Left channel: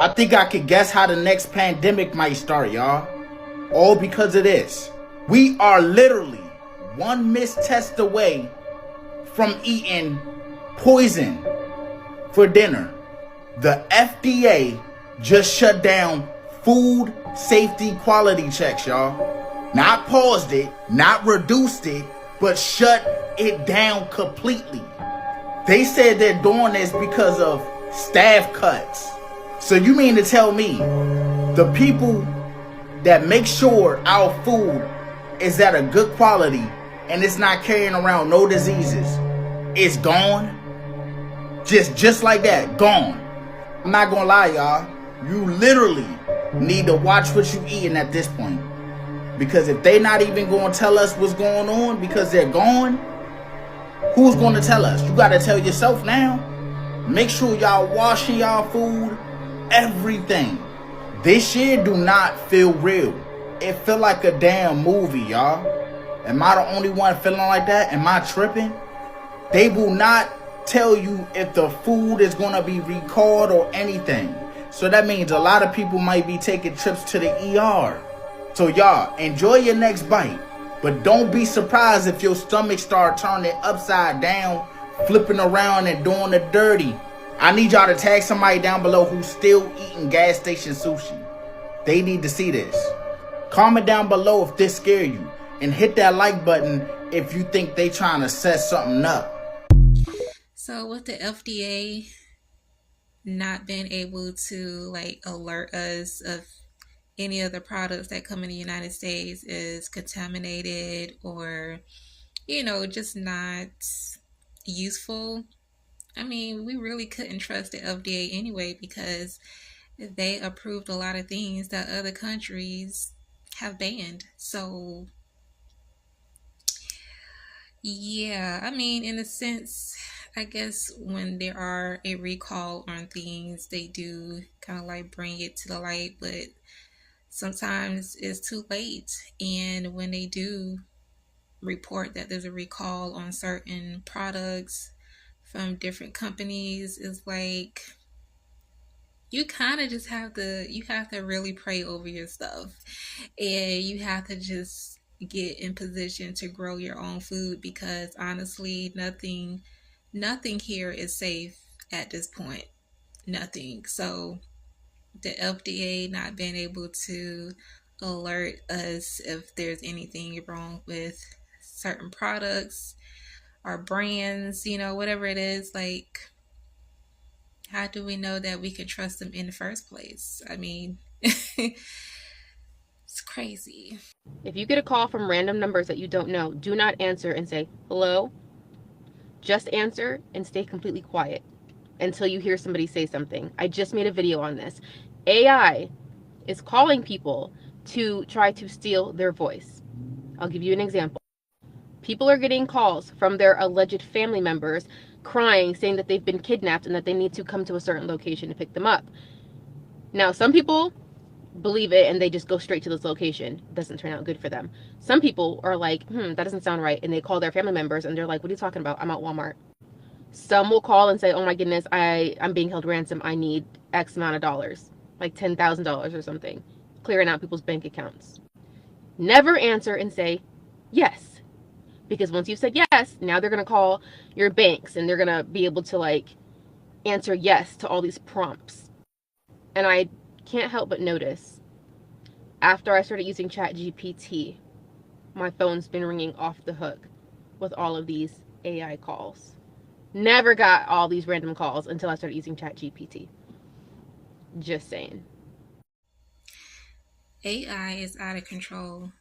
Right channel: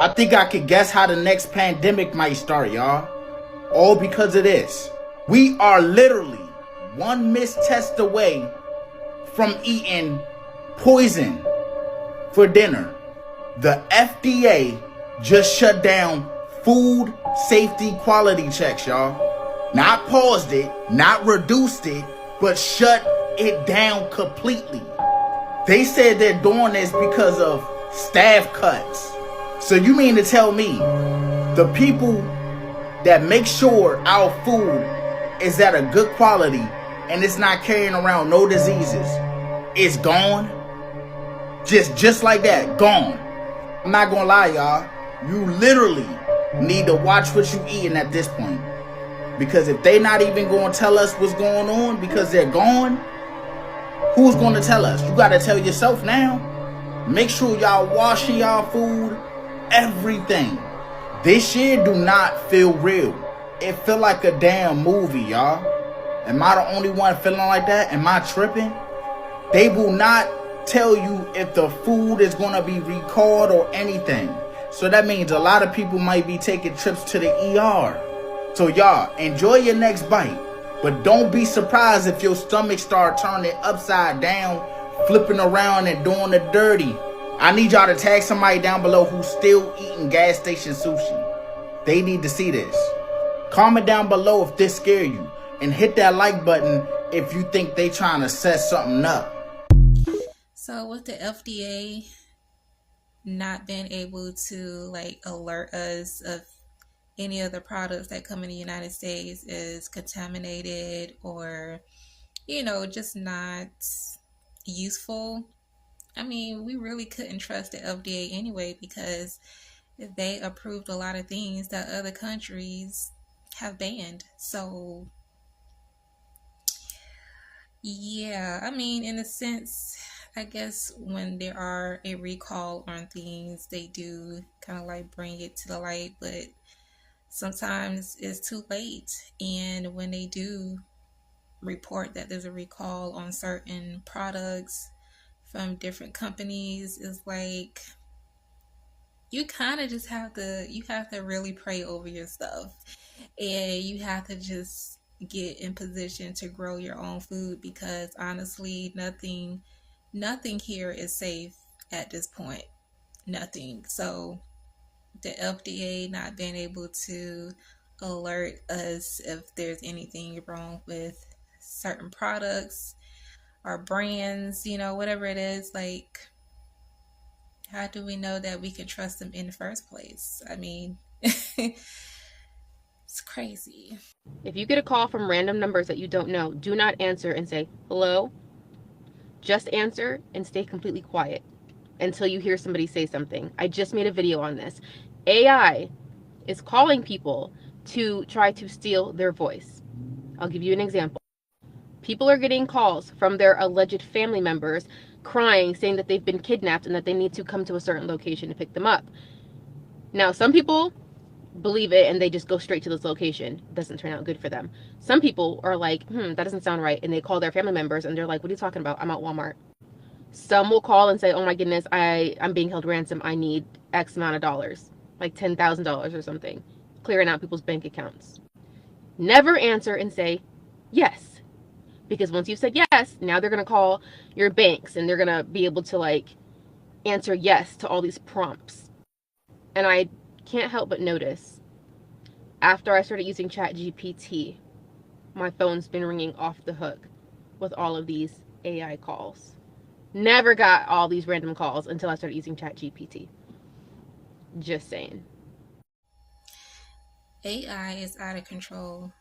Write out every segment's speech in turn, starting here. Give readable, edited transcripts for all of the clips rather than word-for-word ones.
I think I could guess how the next pandemic might start, y'all. All because of this. We are literally one mistest away from eating poison for dinner. The FDA just shut down food safety quality checks, y'all. Not paused it, not reduced it, but shut it down completely. They said they're doing this because of staff cuts. So you mean to tell me the people that make sure our food is at a good quality and it's not carrying around no diseases is gone? Just like that, gone. I'm not gonna lie, y'all. You literally need to watch what you eating at this point. Because if they not even gonna tell us what's going on because they're gone, who's gonna tell us? You gotta tell yourself now. Make sure y'all washing y'all food, everything. This year do not feel real. It feel like a damn movie, y'all. Am I the only one feeling like that? Am I tripping? They will not tell you if the food is gonna be recalled or anything. So that means a lot of people might be taking trips to the ER. So y'all, enjoy your next bite. But don't be surprised if your stomach start turning upside down, flipping around and doing the dirty. I need y'all to tag somebody down below who's still eating gas station sushi. They need to see this. Comment down below if this scare you. And hit that like button if you think they trying to set something up. So with the FDA not being able to alert us of any of the products that come in the United States is contaminated or just not useful, I mean, we really couldn't trust the FDA anyway because they approved a lot of things that other countries have banned. So yeah, I mean, in a sense, I guess when there are a recall on things, they do kind of bring it to the light, but sometimes it's too late. And when they do report that there's a recall on certain products from different companies, it's like you kind of just have to really pray over your stuff, and you have to just get in position to grow your own food because honestly nothing here is safe at this point. Nothing. So the FDA not being able to alert us if there's anything wrong with certain products or brands, whatever it is, how do we know that we can trust them in the first place? I mean, it's crazy. If you get a call from random numbers that you don't know, do not answer and say, hello. Just answer and stay completely quiet until you hear somebody say something. I just made a video on this. AI is calling people to try to steal their voice. I'll give you an example. People are getting calls from their alleged family members crying, saying that they've been kidnapped and that they need to come to a certain location to pick them up. Now, some people believe it and they just go straight to this location. It doesn't turn out good for them. Some people are like, that doesn't sound right. And they call their family members and they're like, what are you talking about? I'm at Walmart. Some will call and say, oh my goodness, I'm being held ransom. I need X amount of dollars, like $10,000 or something, clearing out people's bank accounts. Never answer and say yes. Because once you've said yes, now they're going to call your banks and they're going to be able to answer yes to all these prompts. And I can't help but notice, after I started using ChatGPT, my phone's been ringing off the hook with all of these AI calls. Never got all these random calls until I started using ChatGPT. Just saying. AI is out of control.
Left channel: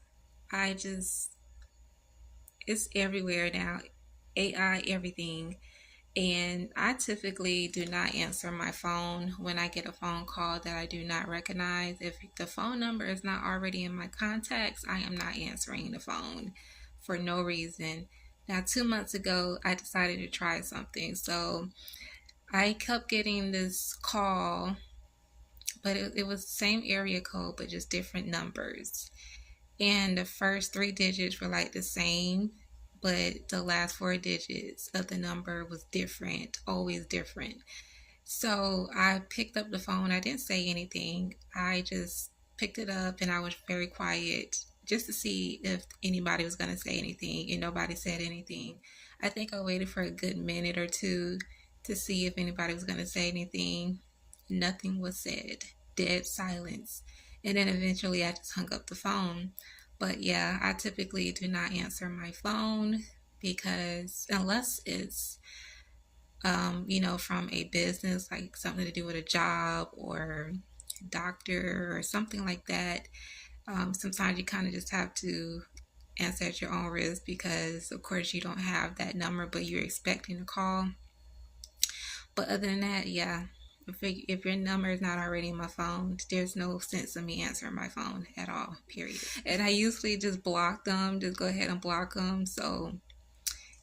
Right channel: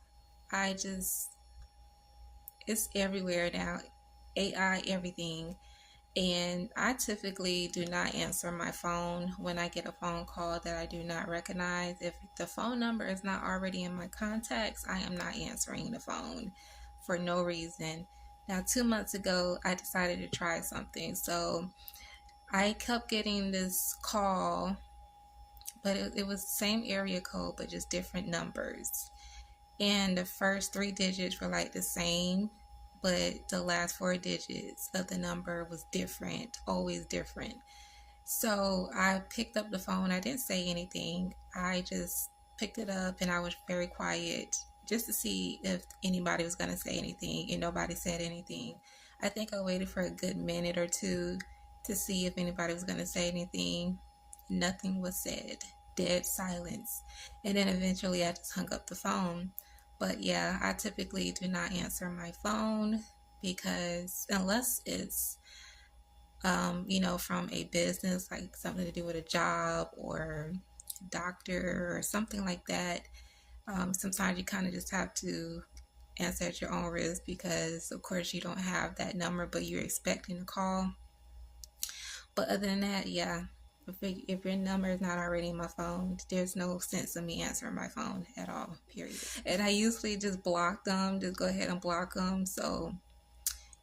It's everywhere now. AI, everything. And I typically do not answer my phone when I get a phone call that I do not recognize. If the phone number is not already in my contacts, I am not answering the phone for no reason. Now, 2 months ago, I decided to try something. So I kept getting this call, but it was the same area code, but just different numbers. And the first 3 digits were the same, but the last 4 digits of the number was different, always different. So I picked up the phone. I didn't say anything. I just picked it up and I was very quiet just to see if anybody was going to say anything, and nobody said anything. I think I waited for a good minute or two to see if anybody was going to say anything. Nothing was said. Dead silence. And then eventually I just hung up the phone. But yeah, I typically do not answer my phone because unless it's from a business, like something to do with a job or doctor or something like that. Sometimes you kind of just have to answer at your own risk because, of course, you don't have that number, but you're expecting a call. But other than that, yeah, if your number is not already in my phone, there's no sense of me answering my phone at all, period. And I usually just block them, just go ahead and block them. So,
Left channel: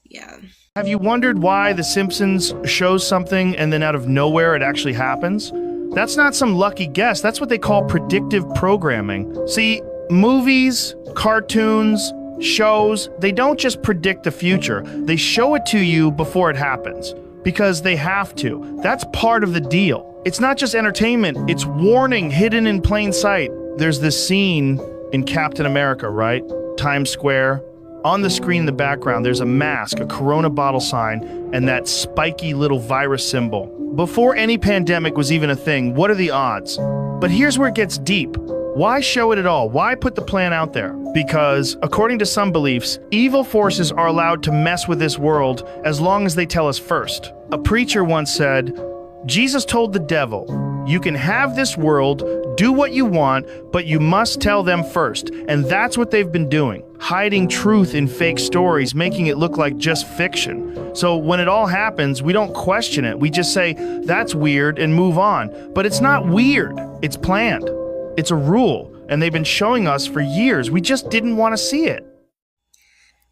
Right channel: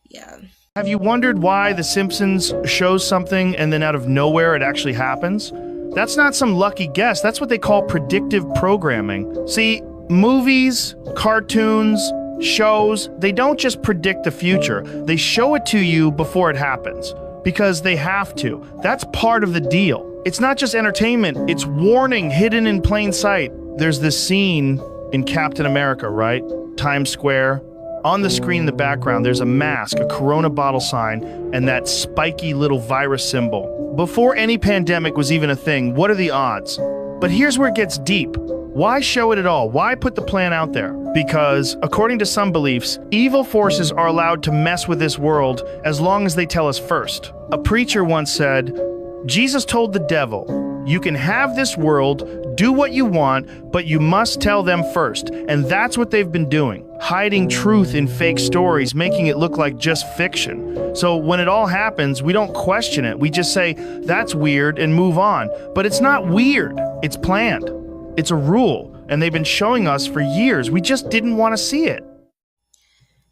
yeah. Have you wondered why The Simpsons shows something and then out of nowhere it actually happens? That's not some lucky guess. That's what they call predictive programming. See, movies, cartoons, shows, they don't just predict the future. They show it to you before it happens. Because they have to. That's part of the deal. It's not just entertainment, it's warning hidden in plain sight. There's this scene in Captain America, right? Times Square. On the screen in the background, there's a mask, a Corona bottle sign, and that spiky little virus symbol. Before any pandemic was even a thing, what are the odds? But here's where it gets deep. Why show it at all? Why put the plan out there? Because, according to some beliefs, evil forces are allowed to mess with this world as long as they tell us first. A preacher once said, Jesus told the devil, you can have this world, do what you want, but you must tell them first. And that's what they've been doing. Hiding truth in fake stories, making it look like just fiction. So when it all happens, we don't question it. We just say, that's weird, and move on. But it's not weird. It's planned. It's a rule, and they've been showing us for years. We just didn't want to see it.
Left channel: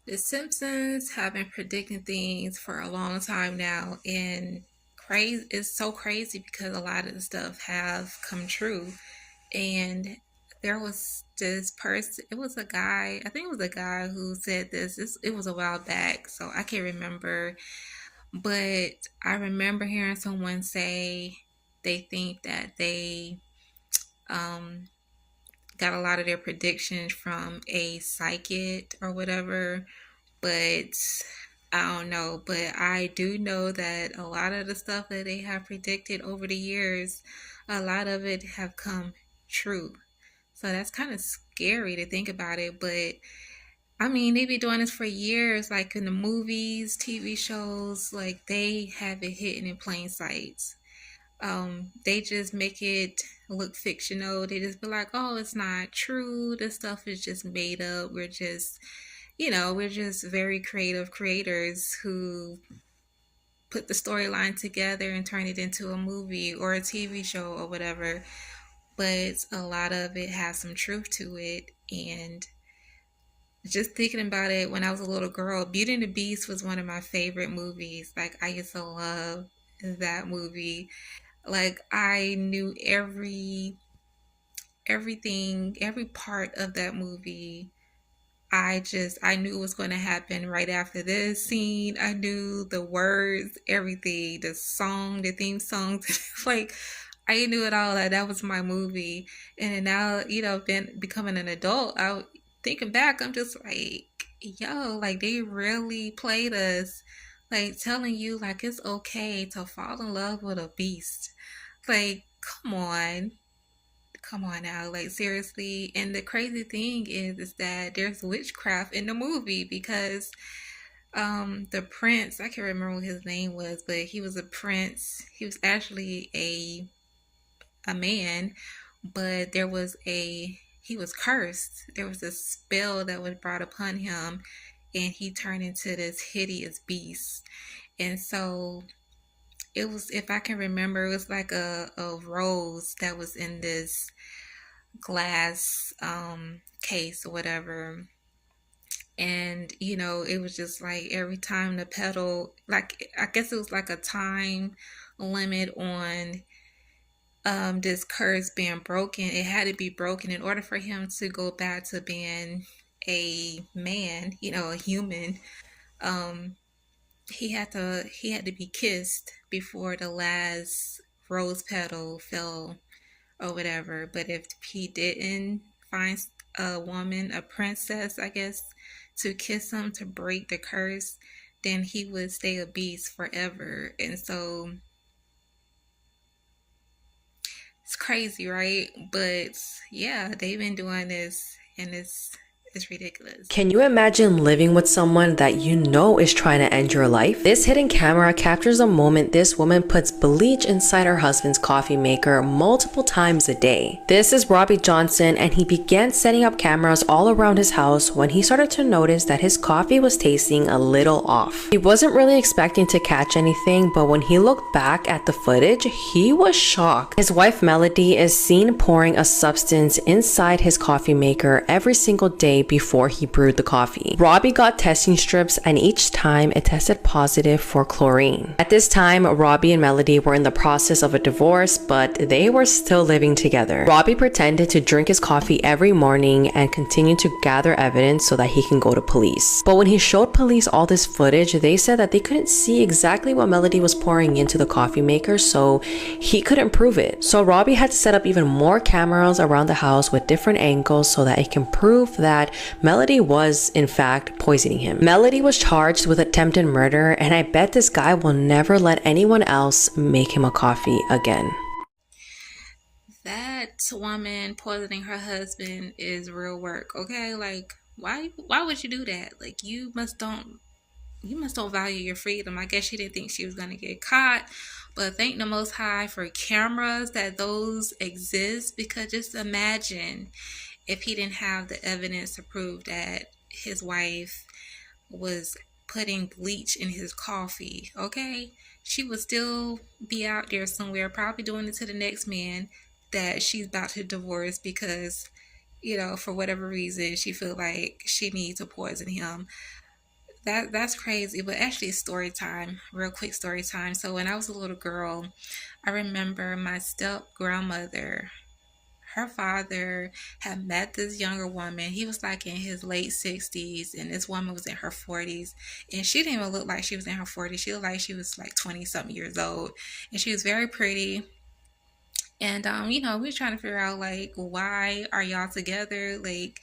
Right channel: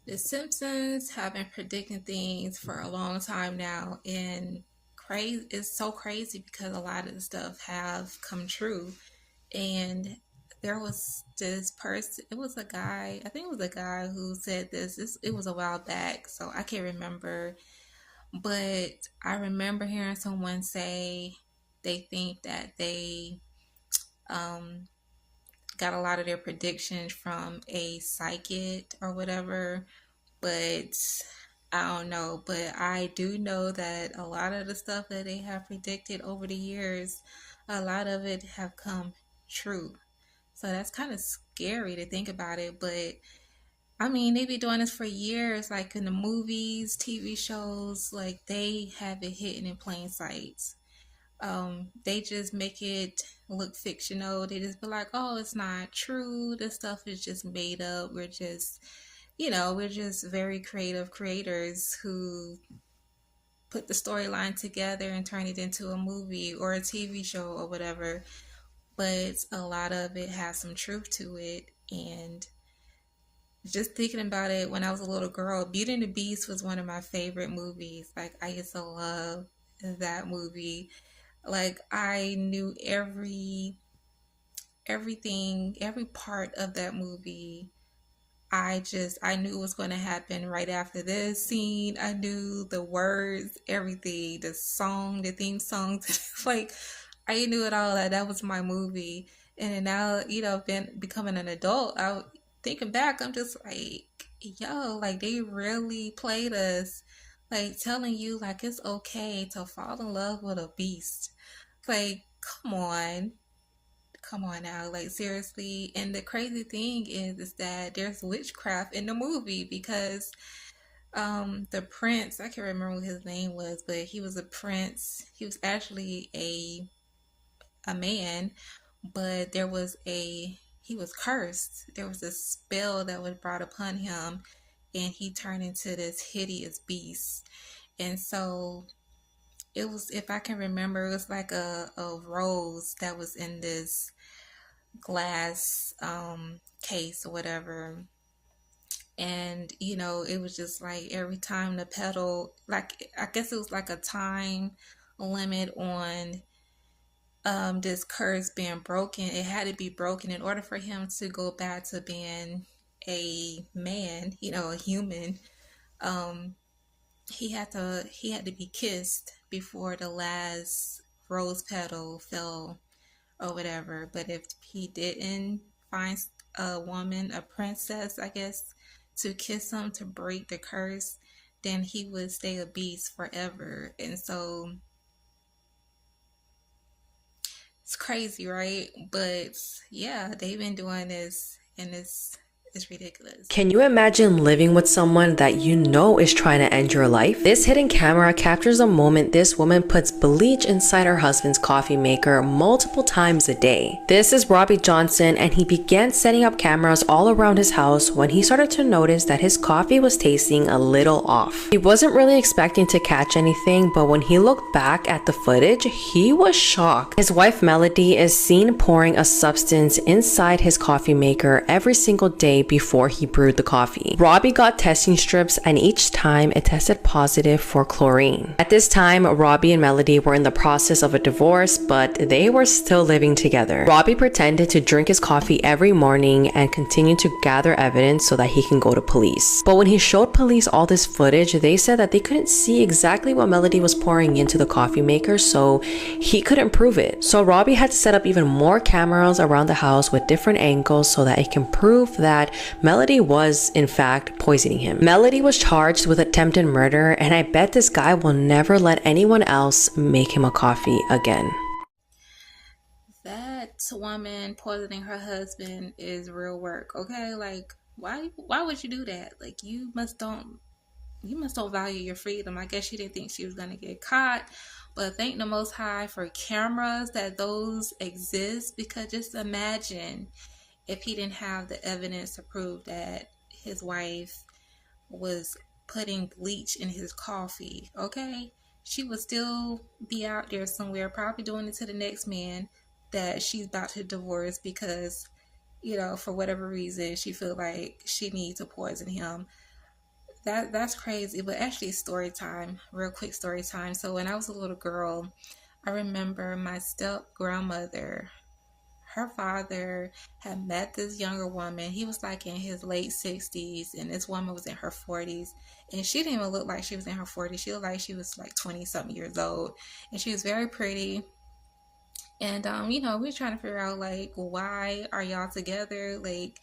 The Simpsons have been predicting things for a long time now, and it's so crazy because a lot of the stuff have come true. And there was this person, it was a guy, I think it was a guy who said this. It was a while back, so I can't remember. But I remember hearing someone say they think that they got a lot of their predictions from a psychic or whatever, but I don't know. But I do know that a lot of the stuff that they have predicted over the years, a lot of it have come true. So that's kind of scary to think about it. But I mean, they be doing this for years, like in the movies, TV shows, like they have it hidden in plain sight. They just make it look fictional. They just be like, oh, it's not true. This stuff is just made up. We're just very creative creators who put the storyline together and turn it into a movie or a TV show or whatever. But a lot of it has some truth to it. And just thinking about it, when I was a little girl, Beauty and the Beast was one of my favorite movies. Like, I used to love that movie. Like, I knew everything, every part of that movie. I knew it was going to happen right after this scene. I knew the words, everything, the song, the theme songs. Like, I knew it all. That was my movie. And now, becoming an adult, thinking back, I'm just like, yo, like they really played us, like telling you like it's okay to fall in love with a beast. Like, come on now, like seriously. And the crazy thing is that there's witchcraft in the movie because the prince, I can't remember what his name was, but he was a prince. He was actually a man, but he was cursed. There was a spell that was brought upon him, and he turned into this hideous beast. And so it was, if I can remember, it was like a rose that was in this glass case or whatever. And it was just like every time the petal, like I guess it was like a time limit on this curse being broken. It had to be broken in order for him to go back to being a man, a human. um he had to be kissed before the last rose petal fell or whatever. But if he didn't find a woman, a princess, I guess, to kiss him to break the curse, then he would stay a beast forever. And so it's crazy, right? But yeah, they've been doing this, and it's ridiculous. Can you imagine living with someone that you know is trying to end your life? This hidden camera captures a moment this woman puts bleach inside her husband's coffee maker multiple times a day. This is Robbie Johnson, and he began setting up cameras all around his house when he started to notice that his coffee was tasting a little off. He wasn't really expecting to catch anything, but when he looked back at the footage, he was shocked. His wife Melody is seen pouring a substance inside his coffee maker every single day before he brewed the coffee. Robbie got testing strips, and each time it tested positive for chlorine. At this time, Robbie and Melody were in the process of a divorce, but they were still living together. Robbie pretended to drink his coffee every morning and continued to gather evidence so that he can go to police. But when he showed police all this footage, they said that they couldn't see exactly what Melody was pouring into the coffee maker, so he couldn't prove it. So Robbie had to set up even more cameras around the house with different angles so that he can prove that Melody was in fact poisoning him. Melody was charged with attempted murder, and I bet this guy will never let anyone else make him a coffee again. That woman poisoning her husband is real work, okay? Like, why would you do that? Like, you must don't value your freedom. I guess she didn't think she was gonna get caught, but thank the Most High for cameras that those exist, because just imagine if he didn't have the evidence to prove that his wife was putting bleach in his coffee, okay? She would still be out there somewhere, probably doing it to the next man that she's about to divorce because, for whatever reason, she feel like she needs to poison him. That's crazy. But actually, story time, real quick story time. So when I was a little girl, I remember my step grandmother, her father had met this younger woman. He was like in his late 60s, and this woman was in her 40s. And she didn't even look like she was in her 40s. She looked like she was like 20 something years old. And she was very pretty. And, we were trying to figure out, like, why are y'all together? Like,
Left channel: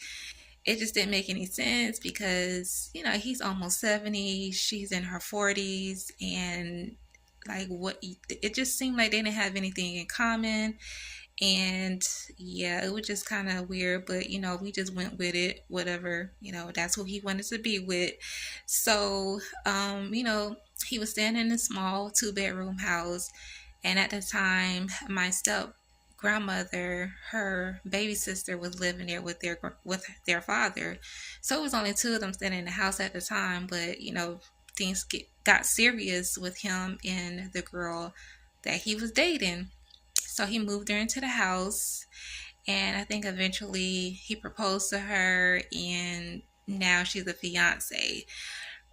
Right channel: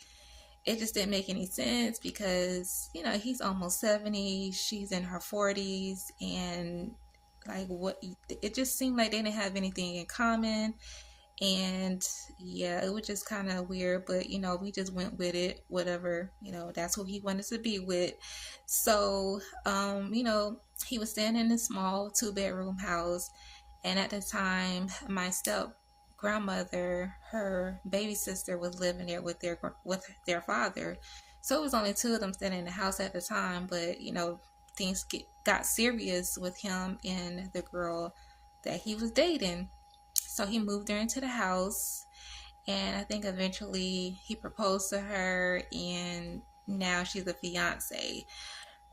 it just didn't make any sense because, he's almost 70. She's in her 40s. And, like, it just seemed like they didn't have anything in common. And yeah, it was just kind of weird, but we just went with it, whatever, that's who he wanted to be with. So he was staying in a small 2-bedroom house, and at the time my step grandmother, her baby sister, was living there with their father. So it was only 2 of them staying in the house at the time, but things got serious with him and the girl that he was dating. So he moved her into the house, and I think eventually he proposed to her, and now she's a fiance.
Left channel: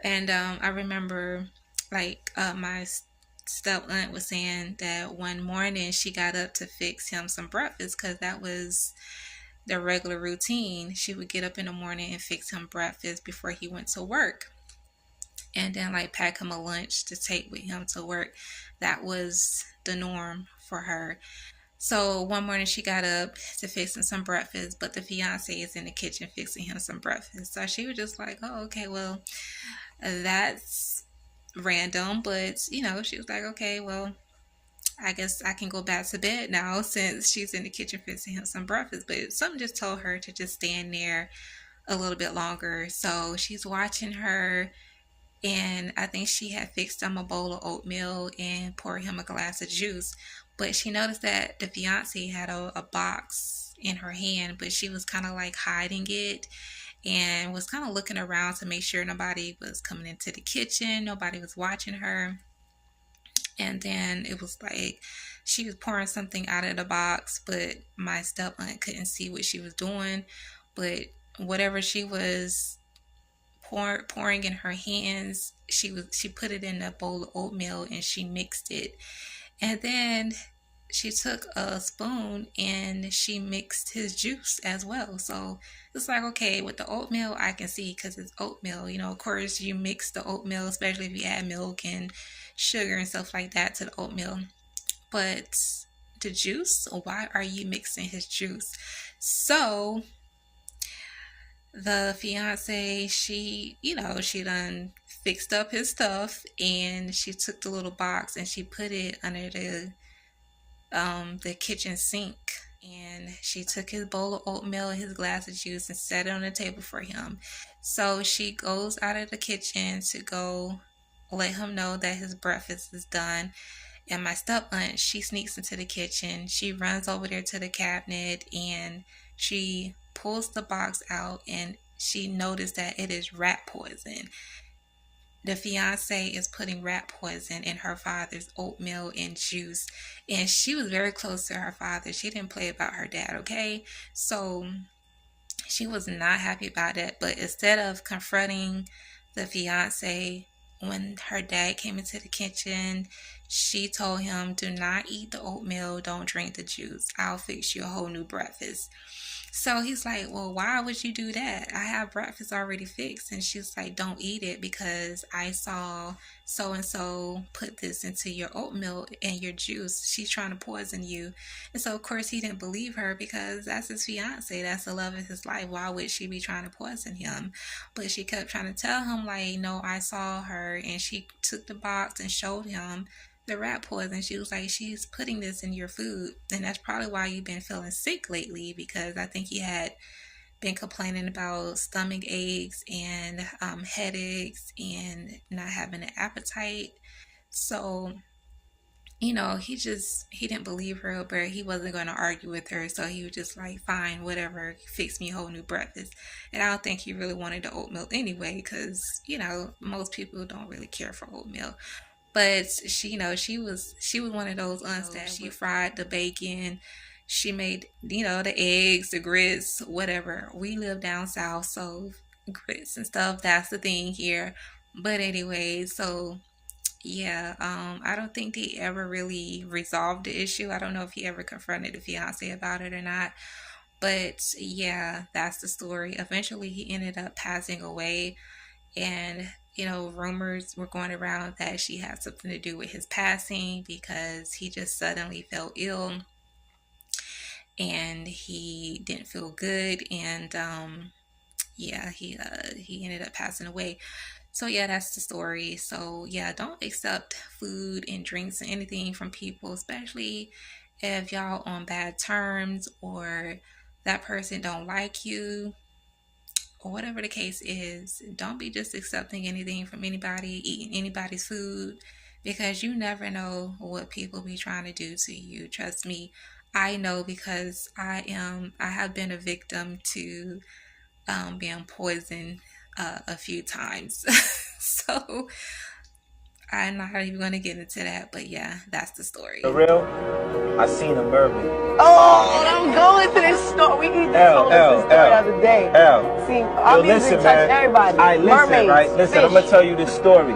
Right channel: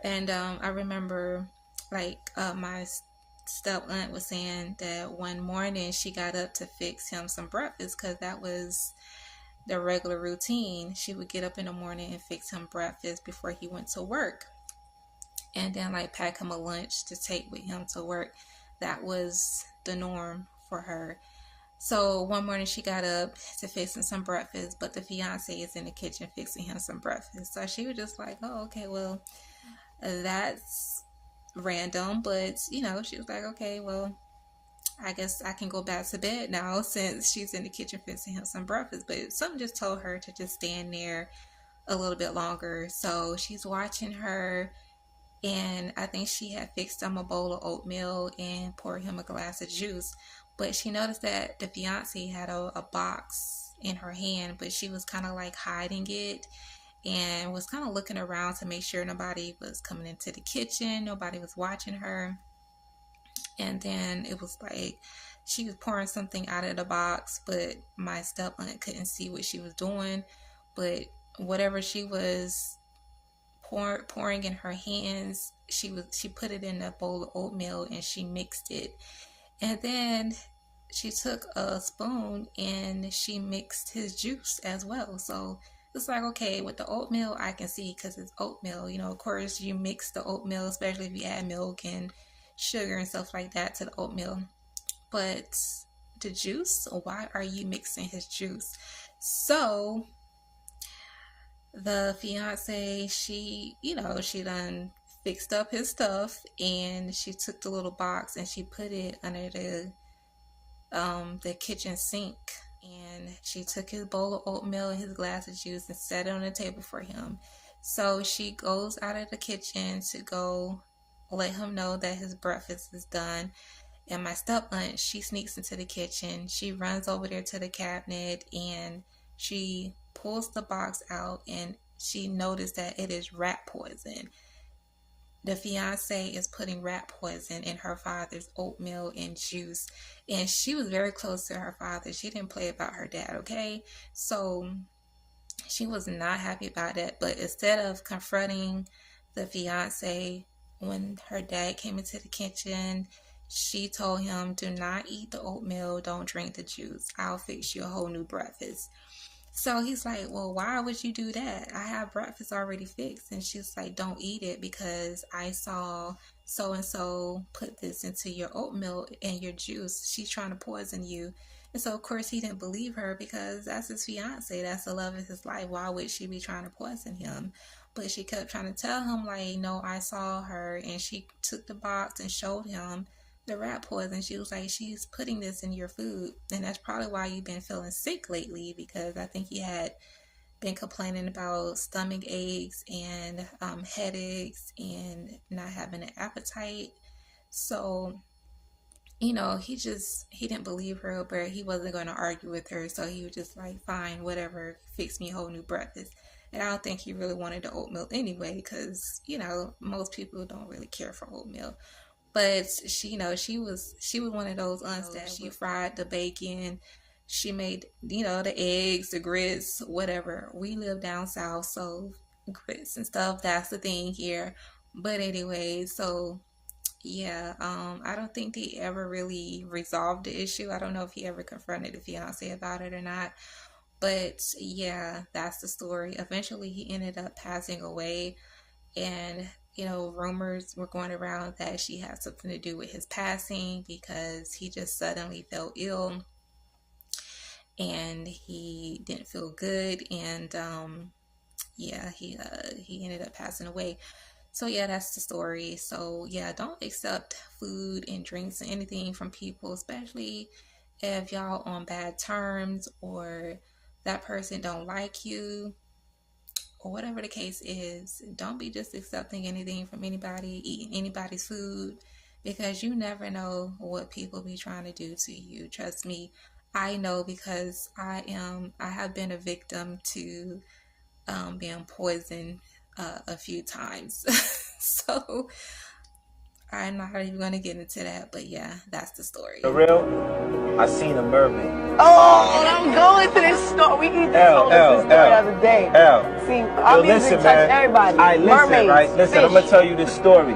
And I remember, like, my step aunt was saying that one morning she got up to fix him some breakfast because that was their regular routine. She would get up in the morning and fix him breakfast before he went to work, and then like pack him a lunch to take with him to work. That was the norm for her. So one morning she got up to fix him some breakfast, but the fiance is in the kitchen fixing him some breakfast. So she was just like, oh, okay, well, that's random. But, she was like, okay, well, I guess I can go back to bed now since she's in the kitchen fixing him some breakfast. But something just told her to just stand there a little bit longer. So she's watching her, and I think she had fixed him a bowl of oatmeal and poured him a glass of juice. But she noticed that the fiance had a box in her hand, but she was kind of like hiding it and was kind of looking around to make sure nobody was coming into the kitchen, nobody was watching her. And then it was like she was pouring something out of the box, but my step aunt couldn't see what she was doing. But whatever she was pouring in her hands, she put it in a bowl of oatmeal and she mixed it. And then she took a spoon and she mixed his juice as well. So it's like, okay, with the oatmeal, I can see because it's oatmeal. Of course, you mix the oatmeal, especially if you add milk and sugar and stuff like that to the oatmeal. but the juice, why are you mixing his juice? So the fiance, she done fixed up his stuff, and she took the little box and she put it under the kitchen sink, and she took his bowl of oatmeal and his glass of juice and set it on the table for him. So she goes out of the kitchen to go let him know that his breakfast is done. And my step aunt, she sneaks into the kitchen. She runs over there to the cabinet and she pulls the box out, and she noticed that it is rat poison. The fiance is putting rat poison in her father's oatmeal and juice, and she was very close to her father. She didn't play about her dad, okay? So she was not happy about that. But instead of confronting the fiance, when her dad came into the kitchen, she told him, do not eat the oatmeal, don't drink the juice, I'll fix you a whole new breakfast. So he's like, well, why would you do that? I have breakfast already fixed. And she's like, don't eat it because I saw so and so put this into your oatmeal and your juice. She's trying to poison you. And so, of course, he didn't believe her because that's his fiance. That's the love of his life. Why would she be trying to poison him? But she kept trying to tell him, like, no, I saw her. And she took the box and showed him the rat poison. She was like, she's putting this in your food, and that's probably why you've been feeling sick lately, because I think he had been complaining about stomach aches and headaches and not having an appetite. So he didn't believe her, but he wasn't going to argue with her, so he was just like, fine, whatever, fix me a whole new breakfast. And I don't think he really wanted the oatmeal anyway, because most people don't really care for oatmeal. But she was one of those aunts that she fried the bacon, she made the eggs, the grits, whatever. We live down south, so grits and stuff, that's the thing here. But anyway, so yeah, I don't think they ever really resolved the issue. I don't know if he ever confronted the fiance about it or not. But yeah, that's the story. Eventually, he ended up passing away, and rumors were going around that she had something to do with his passing because he just suddenly fell ill and he didn't feel good, and yeah, he ended up passing away. So yeah, that's the story. So yeah, don't accept food and drinks and anything from people, especially if y'all on bad terms or that person don't like you, or whatever the case is. Don't be just accepting anything from anybody, eating anybody's food, because you never know what people be trying to do to you. Trust me, I know, because I have been a victim to being poisoned a few times. So I'm not even going to get into that, but yeah, that's the story. For real, I seen a mermaid. Oh, I'm going to this store. We need to tell this story the other day. See, our music touch everybody. Listen, Mermaids, right? Listen, fish. I'm gonna tell you this story.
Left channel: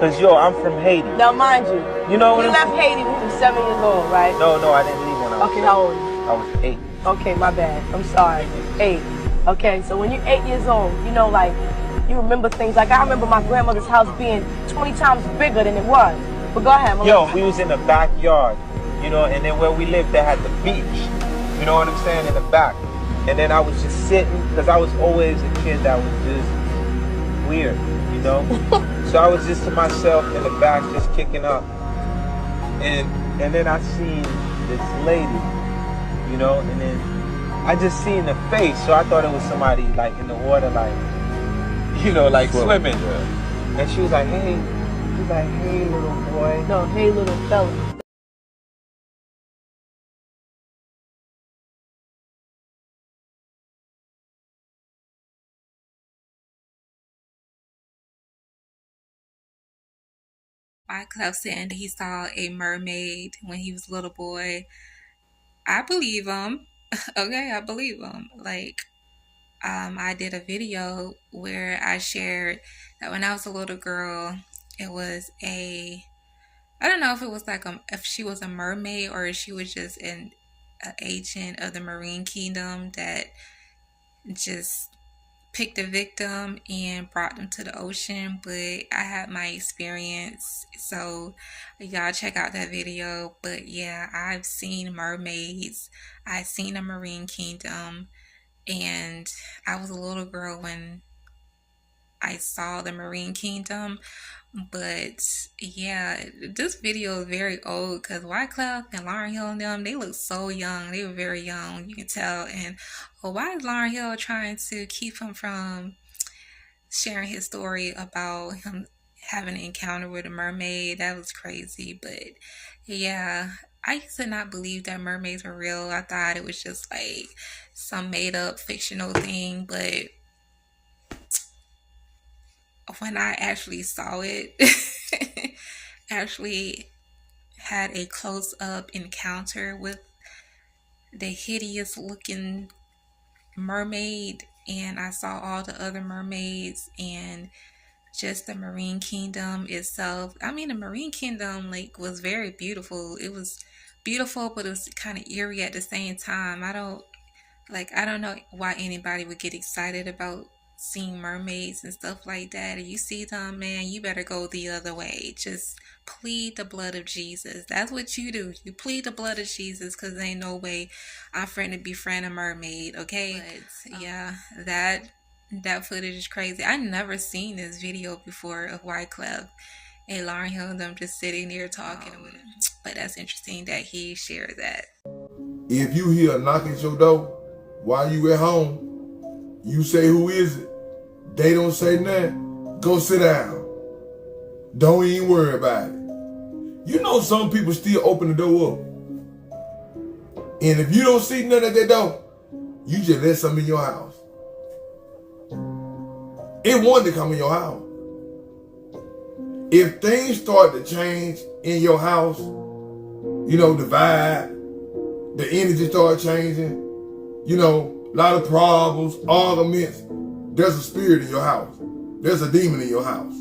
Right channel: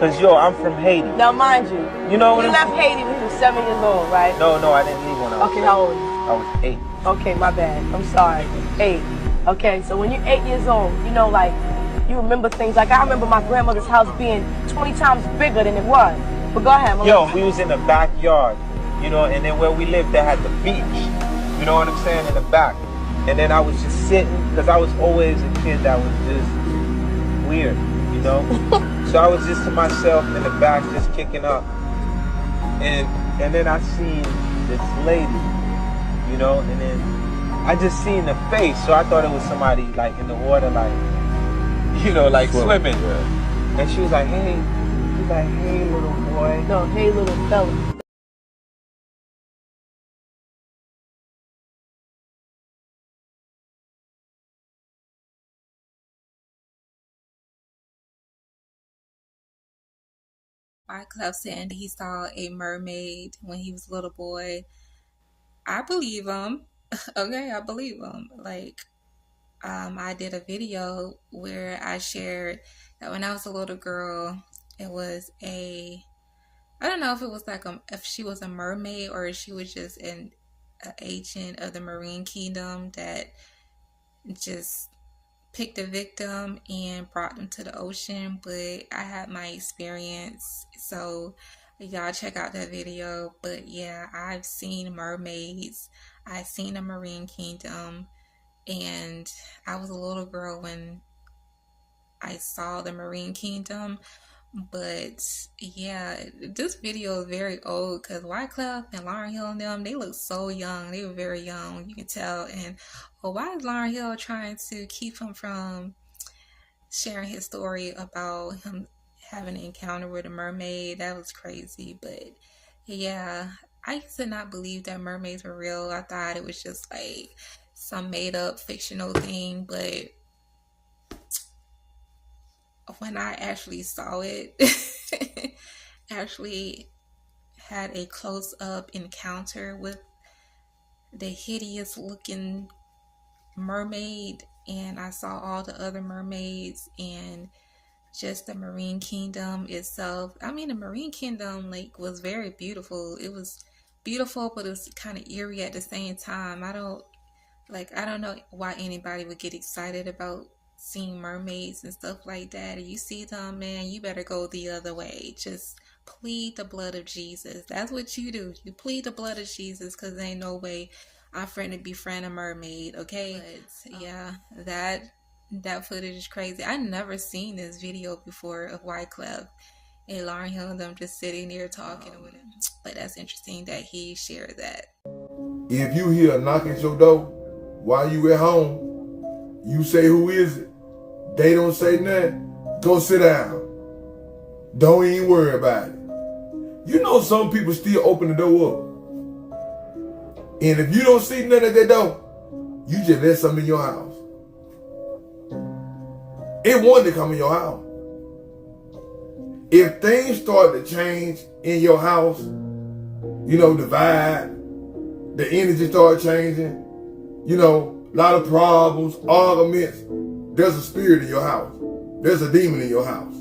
Cause I'm from Haiti. Now, mind you, You know what you left Haiti when you were 7 years old, right? No, I didn't leave when I was Okay, 7. how old are you? I was 8. Okay, my bad. I'm sorry. 8. Okay, so when you're 8 years old, like, you remember things. Like, I remember my grandmother's house being 20 times bigger than it was. But go ahead, Yo, we was in the backyard, and then where we lived, they had the beach. You know what I'm saying? In the back. And then I was just sitting, because I was always a kid that was just weird, So I was just to myself in the back, just kicking up. And then I seen this lady, and then I just seen the face. So I thought it was somebody like in the water, like, like swimming. Yeah. And she was like, hey, little boy. No, hey, little fella. Wyclef saying he saw a mermaid when he was a little boy. I believe him. Okay, I believe him. Like, I did a video where I shared that when I was a little girl, it was I don't know if it was like if she was a mermaid or if she was just an agent of the Marine Kingdom that just picked a victim and brought them to the ocean, but I had my experience, so y'all check out that video. But yeah, I've seen mermaids, I've seen a marine kingdom, and I was a little girl when I saw the marine kingdom. But yeah, this video is very old because Wyclef and Lauryn Hill and them, they look so young. They were very young, you can tell. And why is Lauryn Hill trying to keep him from sharing his story about him having an encounter with a mermaid? That was crazy. But yeah, I used to not believe that mermaids were real. I thought it was just like some made up fictional thing. But when I actually saw it, actually had a close up encounter with the hideous looking mermaid, and I saw all the other mermaids and just the marine kingdom itself. I mean, the marine kingdom like was very beautiful. It was beautiful, but it was kind of eerie at the same time. I don't know why anybody would get excited about seeing mermaids and stuff like that. If you see them, man, you better go the other way. Just plead the blood of Jesus. That's what you do. You plead the blood of Jesus, because there ain't no way I'm friend to befriend a mermaid, okay? But yeah, that footage is crazy. I never seen this video before of Wyclef and Lauryn Hill and them just sitting there talking with him. But that's interesting that he shared that. If you hear a knock at your door while you at home, you say, who is it? They don't say nothing. Go sit down. Don't even worry about it. You know some people still open the door up. And if you don't see nothing at that door, you just let something in your house. It wanted to come in your house. If things start to change in your house, you know, the vibe, the energy start changing, you know, a lot of problems, arguments, there's a spirit in your house. There's a demon in your house.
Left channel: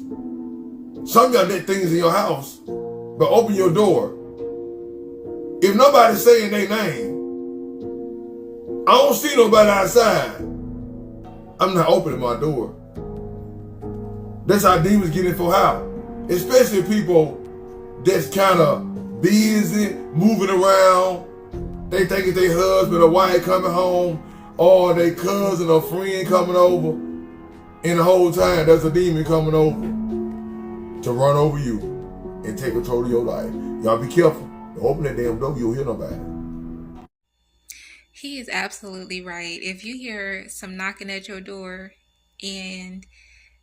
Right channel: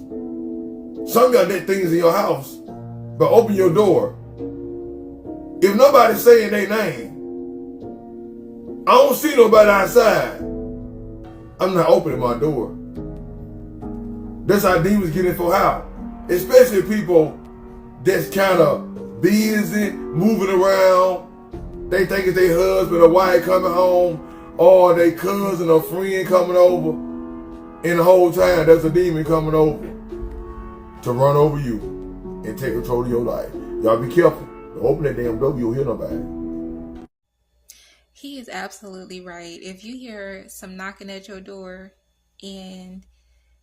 Some of y'all let things in your house, but open your door. If nobody's saying their name, I don't see nobody outside, I'm not opening my door. That's how demons get in for how. Especially people that's kind of busy, moving around. They think it's their husband or wife coming home, or their cousin or friend coming over. And the whole time there's a demon coming over to run over you and take control of your life. Y'all be careful. Don't open that damn door, you'll hear nobody. He is absolutely right. If you hear some knocking at your door and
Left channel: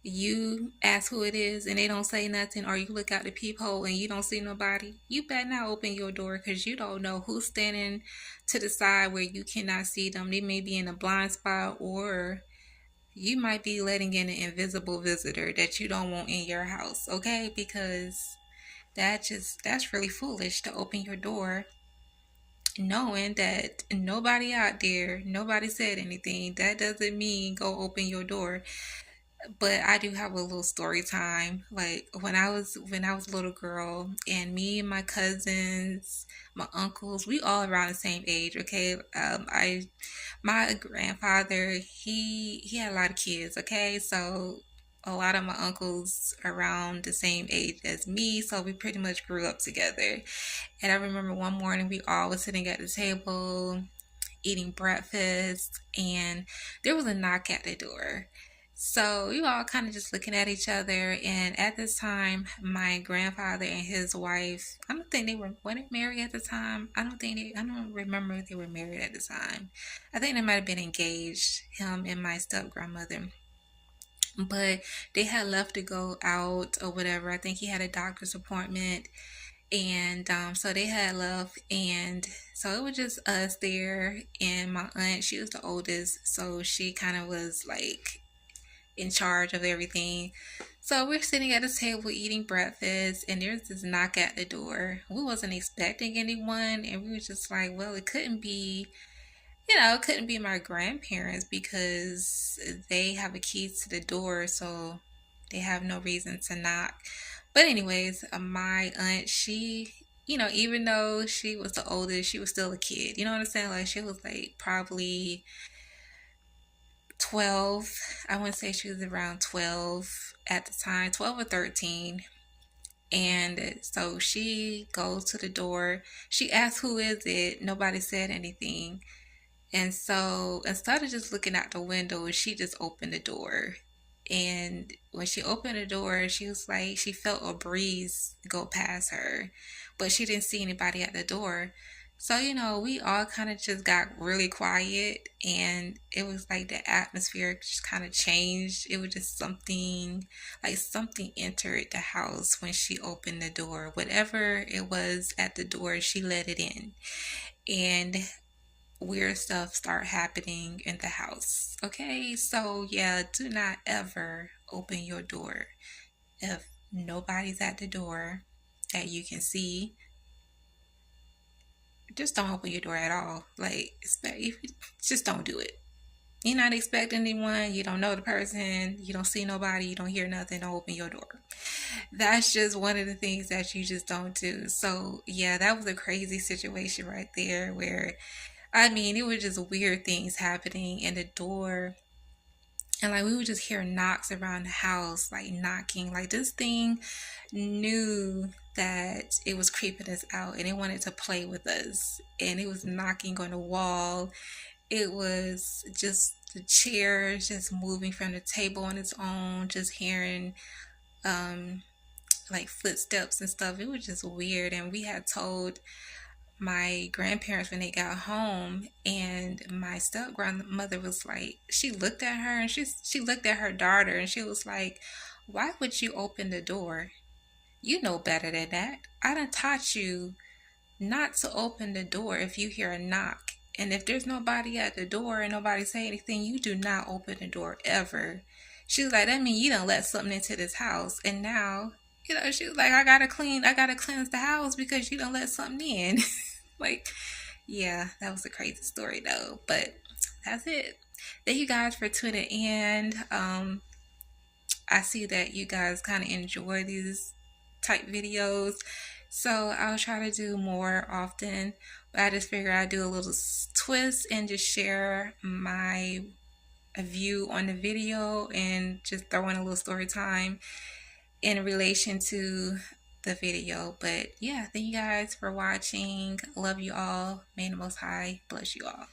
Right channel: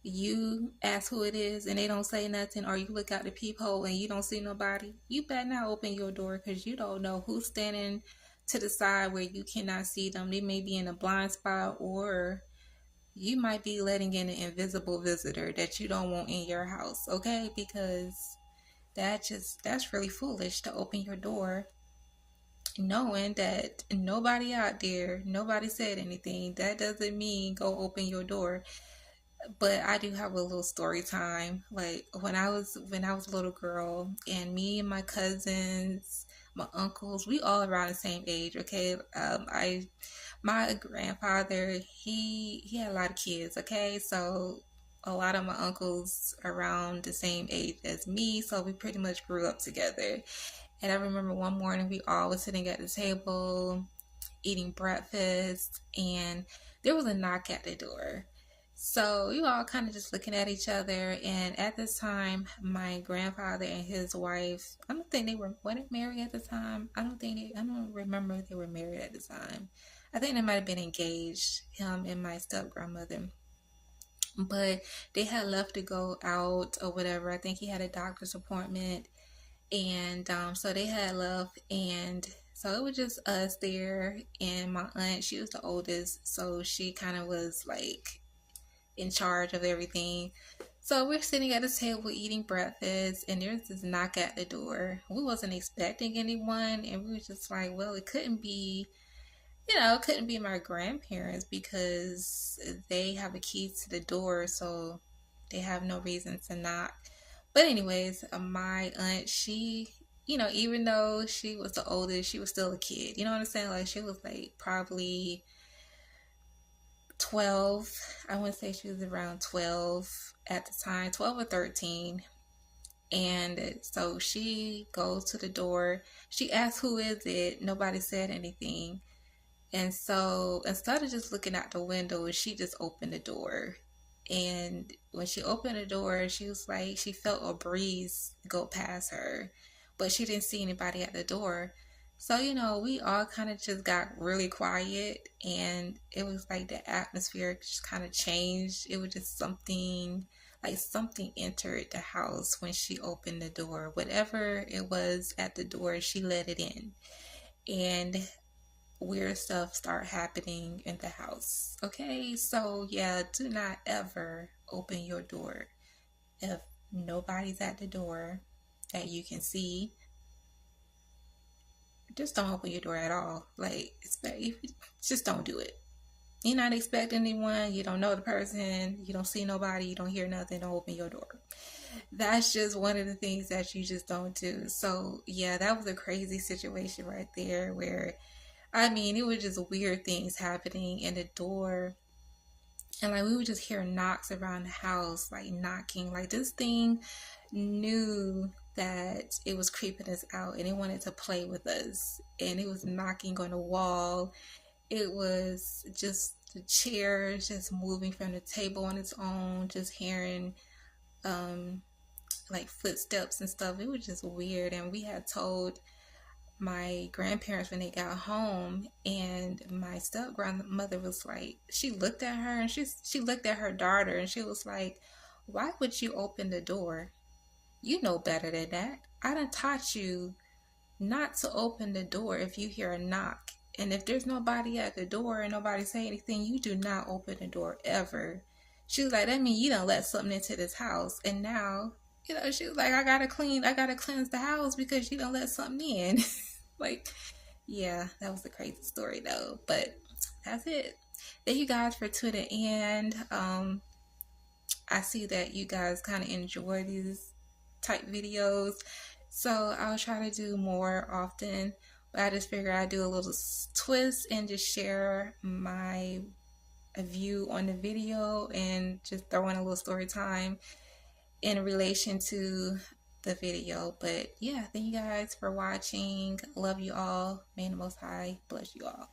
you ask who it is and they don't say nothing, or you look out the peephole and you don't see nobody, you better not open your door, because you don't know who's standing to the side where you cannot see them. They may be in a blind spot, or you might be letting in an invisible visitor that you don't want in your house, okay? Because that's really foolish to open your door knowing that nobody out there, nobody said anything. That doesn't mean go open your door. But I do have a little story time. Like when I was a little girl, and me and my cousins, my uncles, we all around the same age. Okay, my grandfather, he had a lot of kids. Okay, so a lot of my uncles around the same age as me, so we pretty much grew up together. And I remember one morning we all was sitting at the table eating breakfast, and there was a knock at the door. So we were all kind of just looking at each other, and at this time, my grandfather and his wife, I don't think they weren't married at the time. I don't remember if they were married at the time. I think they might have been engaged, him and my step grandmother. But they had left to go out or whatever. I think he had a doctor's appointment, and so they had left, and so it was just us there, and my aunt, she was the oldest, so she kind of was like in charge of everything. So we're sitting at a table eating breakfast, and there's this knock at the door. We wasn't expecting anyone, and we were just like, well, it couldn't be, it couldn't be my grandparents, because they have a key to the door, so they have no reason to knock. But anyways, my aunt, she, even though she was the oldest, she was still a kid. You know what I'm saying? Like, she was like probably 12. I want to say she was around 12 at the time, 12 or 13. And so she goes to the door. She asks, "Who is it?" Nobody said anything. And so instead of just looking out the window, she just opened the door. And when she opened the door, she was like, she felt a breeze go past her, but she didn't see anybody at the door. So, we all kind of just got really quiet, and it was like the atmosphere just kind of changed. It was just something, like something entered the house when she opened the door. Whatever it was at the door, she let it in. And weird stuff start happening in the house. Okay, so yeah, do not ever open your door if nobody's at the door that you can see. Just don't open your door at all. Like, just don't do it. You're not expecting anyone, you don't know the person, you don't see nobody, you don't hear nothing, don't open your door. That's just one of the things that you just don't do. So yeah, that was a crazy situation right there where, it was just weird things happening in the door. And like we would just hear knocks around the house, like knocking. Like this thing knew that it was creeping us out and it wanted to play with us. And it was knocking on the wall. It was just the chairs just moving from the table on its own, just hearing like footsteps and stuff. It was just weird. And we had told my grandparents when they got home, and my step grandmother was like, she looked at her and she looked at her daughter and she was like, "Why would you open the door? You know better than that. I done taught you not to open the door if you hear a knock, and if there's nobody at the door and nobody say anything, you do not open the door ever." She was like, "That means you done let something into this house, and now she was like, I gotta cleanse the house because you done let something in." Like, yeah, that was a crazy story though, but that's it. Thank you guys for tuning in. I see that you guys kind of enjoy these type videos, so I'll try to do more often, but I just figured I'd do a little twist and just share my view on the video and just throw in a little story time in relation to the video. But yeah, thank you guys for watching. Love you all. May the Most High bless you all.